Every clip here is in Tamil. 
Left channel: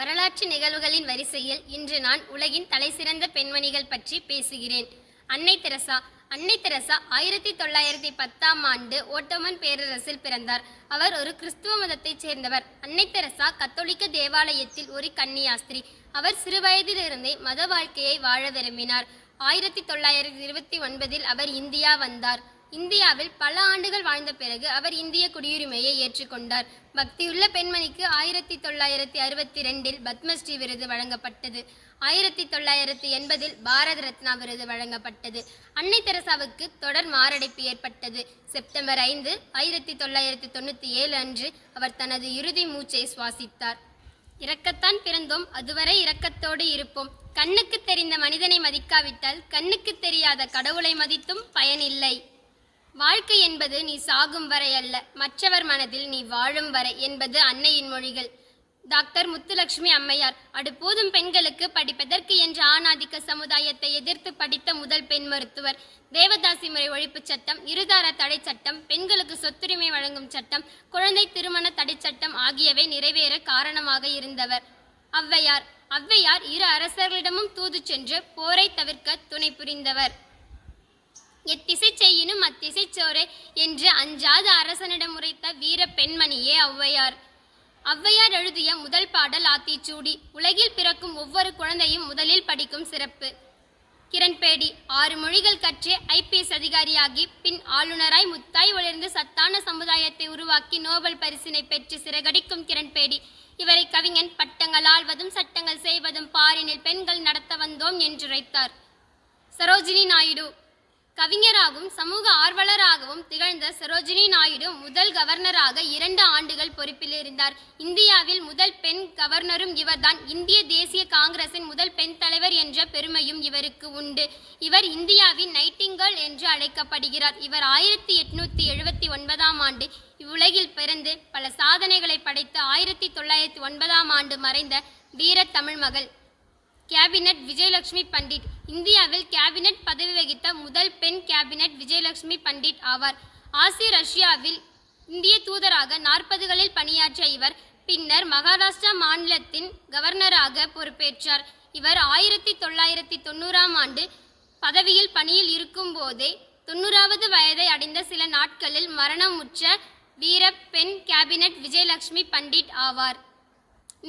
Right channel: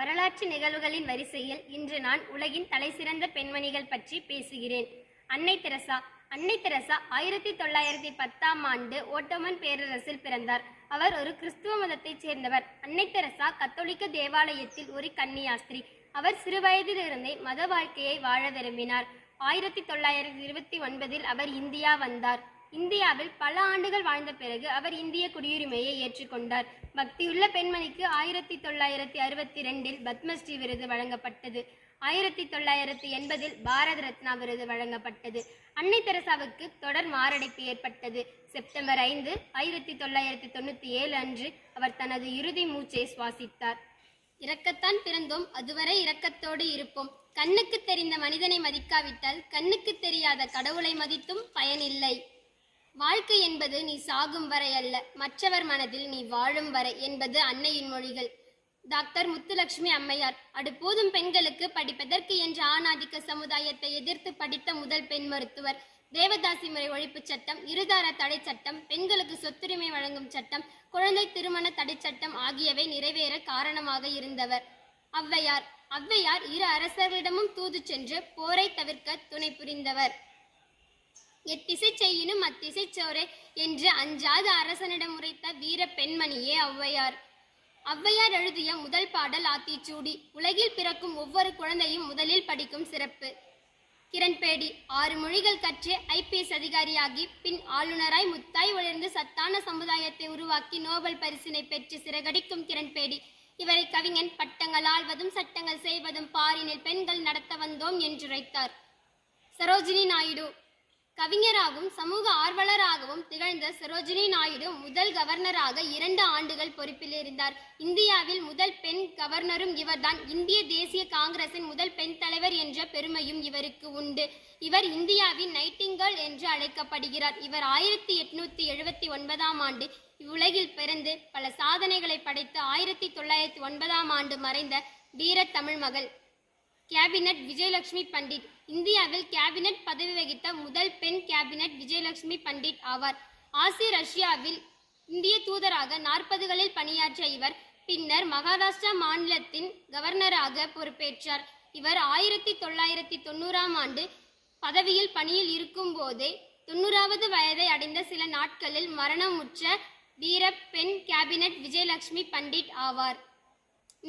வரலாற்று நிகழ்வுகளின் வரிசையில் இன்று நான் உலகின் தலைசிறந்த பெண்மணிகள் பற்றி பேசுகிறேன். அன்னை தெரசா. அன்னை தெரசா 1910ஆம் ஆண்டு ஓட்டோமன் பேரரசில் பிறந்தார். அவர் ஒரு கிறிஸ்துவ மதத்தைச் சேர்ந்தவர். அன்னை தெரசா கத்தோலிக்க தேவாலயத்தில் ஒரு கன்னியாஸ்திரி. அவர் சிறுவயதிலிருந்தே மத வாழ்க்கையை வாழ விரும்பினார். 1929இல் அவர் இந்தியா வந்தார். இந்தியாவில் பல ஆண்டுகள் வாழ்ந்த பிறகு அவர் இந்திய குடியுரிமையை ஏற்றுக்கொண்டார். பக்தியுள்ள பெண்மணிக்கு 1962இல் பத்மஸ்ரீ விருது வழங்கப்பட்டது. 1980இல் பாரத ரத்னா விருது வழங்கப்பட்டது. அன்னை தெரசாவுக்கு தொடர் மாரடைப்பு ஏற்பட்டது. செப்டம்பர் 5, 1997 அன்று அவர் தனது இறுதி மூச்சை சுவாசித்தார். இரக்கத்தான் பிறந்தோம், அதுவரை இரக்கத்தோடு இருப்போம். கண்ணுக்கு தெரிந்த மனிதனை மதிக்காவிட்டால் கண்ணுக்கு தெரியாத கடவுளை மதித்தும் பயனில்லை. வாழ்க்கை என்பது நீ சாகும் வரை அல்ல, மற்றவர் மனதில் நீ வாழும் வரை என்பது அன்னையின் மொழிகள். டாக்டர் முத்துலட்சுமி அம்மையார். அடுப்போதும் பெண்களுக்கு படிப்பதற்கு என்ற ஆணாதிக்க சமுதாயத்தை எதிர்த்து படித்த முதல் பெண் மருத்துவர். தேவதாசி முறை ஒழிப்பு சட்டம், இருதார தடை சட்டம், பெண்களுக்கு சொத்துரிமை வழங்கும் சட்டம், குழந்தை திருமண தடை சட்டம் ஆகியவை நிறைவேற காரணமாக இருந்தவர். ஔவையார். ஔவையார் இரு அரசர்களிடமும் தூது சென்று போரை தவிர்க்க துணை புரிந்தவர். எத்திசை செய்யினும் அத்திசை சோரே என்று அஞ்சாத அரசனிடம் உரைத்த வீர பெண்மணியே ஔவையார். ஔவையார் எழுதிய முதல் பாடல் ஆத்திச்சூடி. உலகில் பிறக்கும் ஒவ்வொரு குழந்தையும் முதலில் படிக்கும் சிறப்பு. கிரண்பேடி. 6 மொழிகள் கற்று IPS அதிகாரியாகி பின் ஆளுநராய் முத்தாய் ஒளிர்ந்து சத்தான சமுதாயத்தை உருவாக்கி நோபல் பரிசினை பெற்று சிறகடிக்கும் கிரண்பேடி. இவரை கவிஞன் பட்டங்கள் ஆள்வதும் சட்டங்கள் செய்வதும் பாரினில் பெண்கள் நடத்த வந்தோம் என்றுரைத்தார். சரோஜினி நாயுடு. கவிஞராகவும் சமூக ஆர்வலராகவும் திகழ்ந்த சரோஜினி நாயுடு முதல் கவர்னராக 2 ஆண்டுகள் பொறுப்பில் இருந்தார். இந்தியாவில் முதல் பெண் கவர்னரும் இவர்தான். இந்திய தேசிய காங்கிரசின் முதல் பெண் தலைவர் என்ற பெருமையும் இவருக்கு உண்டு. இவர் இந்தியாவின் நைட்டிங்கேல் என்று அழைக்கப்படுகிறார். இவர் 1879ஆம் ஆண்டு இவ்வுலகில் பிறந்து பல சாதனைகளை படைத்த 1909ஆம் ஆண்டு மறைந்த வீர தமிழ் மகள். கேபினட் விஜயலட்சுமி பண்டிட். இந்தியாவில் கேபினட் பதவி வகித்த முதல் பெண் கேபினட் விஜயலட்சுமி பண்டிட் ஆவார். ரஷ்யாவில் இந்திய தூதராக 40களில் பணியாற்றிய இவர் பின்னர் மகாராஷ்டிரா மாநிலத்தின் கவர்னராக பொறுப்பேற்றார். இவர் 1990ஆம் ஆண்டு பதவியில் பணியில் இருக்கும் போதே 90வது வயதை அடைந்த சில நாட்களில் மரணமுற்ற வீர பெண் கேபினட் விஜயலட்சுமி பண்டிட் ஆவார்.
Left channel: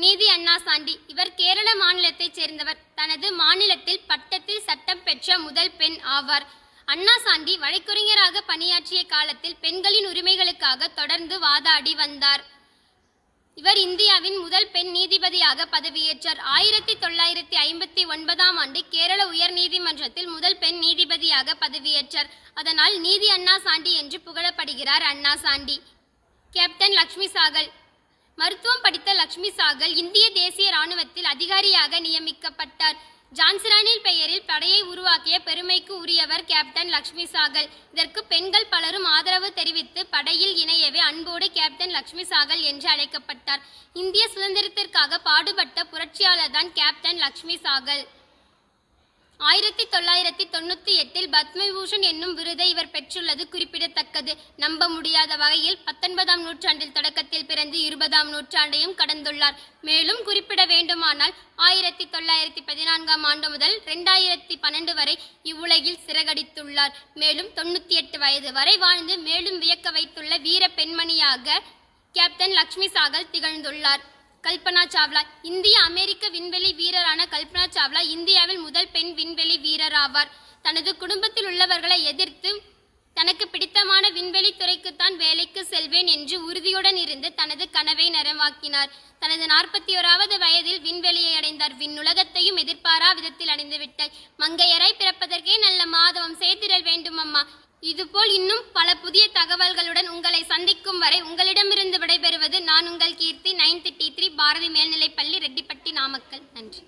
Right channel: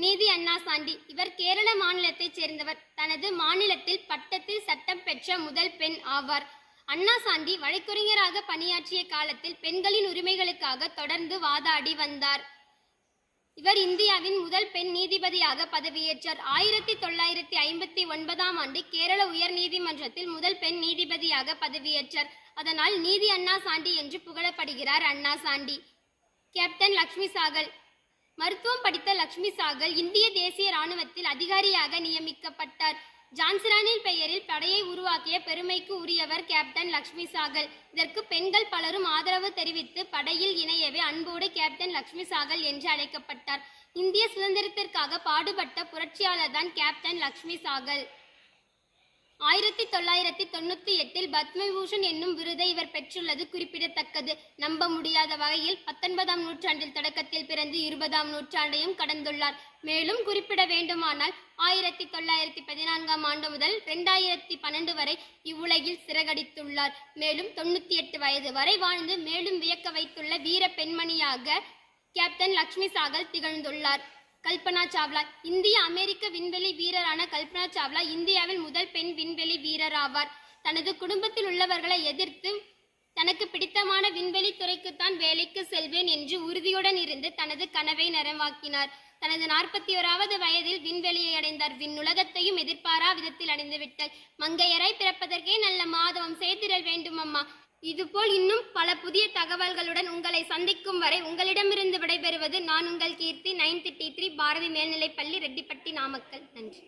நீதி அண்ணா சாண்டி. இவர் கேரள மாநிலத்தைச் சேர்ந்தவர். தனது மாநிலத்தில் பட்டத்தில் சட்டம் பெற்ற முதல் பெண் ஆவார். அண்ணா சாண்டி வழக்கறிஞராக பணியாற்றிய காலத்தில் பெண்களின் உரிமைகளுக்காக தொடர்ந்து வாதாடி வந்தார். இவர் இந்தியாவின் முதல் பெண் நீதிபதியாக பதவியேற்றார். 1959ஆம் ஆண்டு கேரள உயர் நீதிமன்றத்தில் முதல் பெண் நீதிபதியாக பதவியேற்றார். அதனால் நீதி அண்ணா சாண்டி என்று புகழப்படுகிறார் அண்ணா சாண்டி. கேப்டன் லக்ஷ்மி சாகல். மருத்துவம் படித்த லக்ஷ்மி சாகல் இந்திய தேசிய இராணுவத்தில் அதிகாரியாக நியமிக்கப்பட்டார். ஜான்சிரானின் பெயரில் படையை உருவாக்கிய பெருமைக்கு உரியவர் கேப்டன் லக்ஷ்மி சாகல். இதற்கு பெண்கள் பலரும் ஆதரவு தெரிவித்து படையில் இணையவே அன்போடு கேப்டன் லக்ஷ்மி சாகல் என்று அழைக்கப்பட்டார். இந்திய சுதந்திரத்திற்காக பாடுபட்ட புரட்சியாளர் தான் கேப்டன் லக்ஷ்மி சாகல். 1998இல் பத்மவிபூஷன் என்னும் விருதை இவர் பெற்றுள்ளது குறிப்பிடத்தக்கது. நம்ப முடியாத வகையில் 19ஆம் நூற்றாண்டில் தொடக்கத்தில் பிறந்து 20ஆம் நூற்றாண்டையும் கடந்துள்ளார். மேலும் குறிப்பிட வேண்டுமானால் 1914ஆம் ஆண்டு முதல் 2012 வரை இவ்வுலகில் சிறகடித்துள்ளார். மேலும் 98 வயது வரை வாழ்ந்து மேலும் வியக்க வைத்துள்ள வீர பெண்மணியாக கேப்டன் லக்ஷ்மி சாகல் திகழ்ந்துள்ளார். கல்பனா சாவ்லா. இந்திய அமெரிக்க விண்வெளி வீரரான கல்பனா சாவ்லா இந்தியாவில் முதல் பெண் விண்வெளி வீரர் ஆவார். தனது குடும்பத்தில் உள்ளவர்களை எதிர்த்து தனக்கு பிடித்தமான விண்வெளி துறைக்குத்தான் வேலைக்கு செல்வேன் என்று உறுதியுடன் இருந்து தனது கனவை நனவாக்கினார். தனது 41வது வயதில் விண்வெளியை அடைந்தார். விண்ணுலகத்தையும் எதிர்பாரா விதத்தில் அடைந்து விட்டார். மங்கையராய் பிறப்பதற்கே நல்ல மாதவம் செய்திடல் வேண்டும் அம்மா. இதுபோல் இன்னும் பல புதிய தகவல்களுடன் உங்களை சந்திக்கும் வரை உங்களிடமிருந்து விடைபெறுவது நான் உங்கள் கீர்த்தி. 9th T3 பாரதி மேல்நிலைப்பள்ளி, ரெட்டிப்பட்டி, நாமக்கல். நன்றி.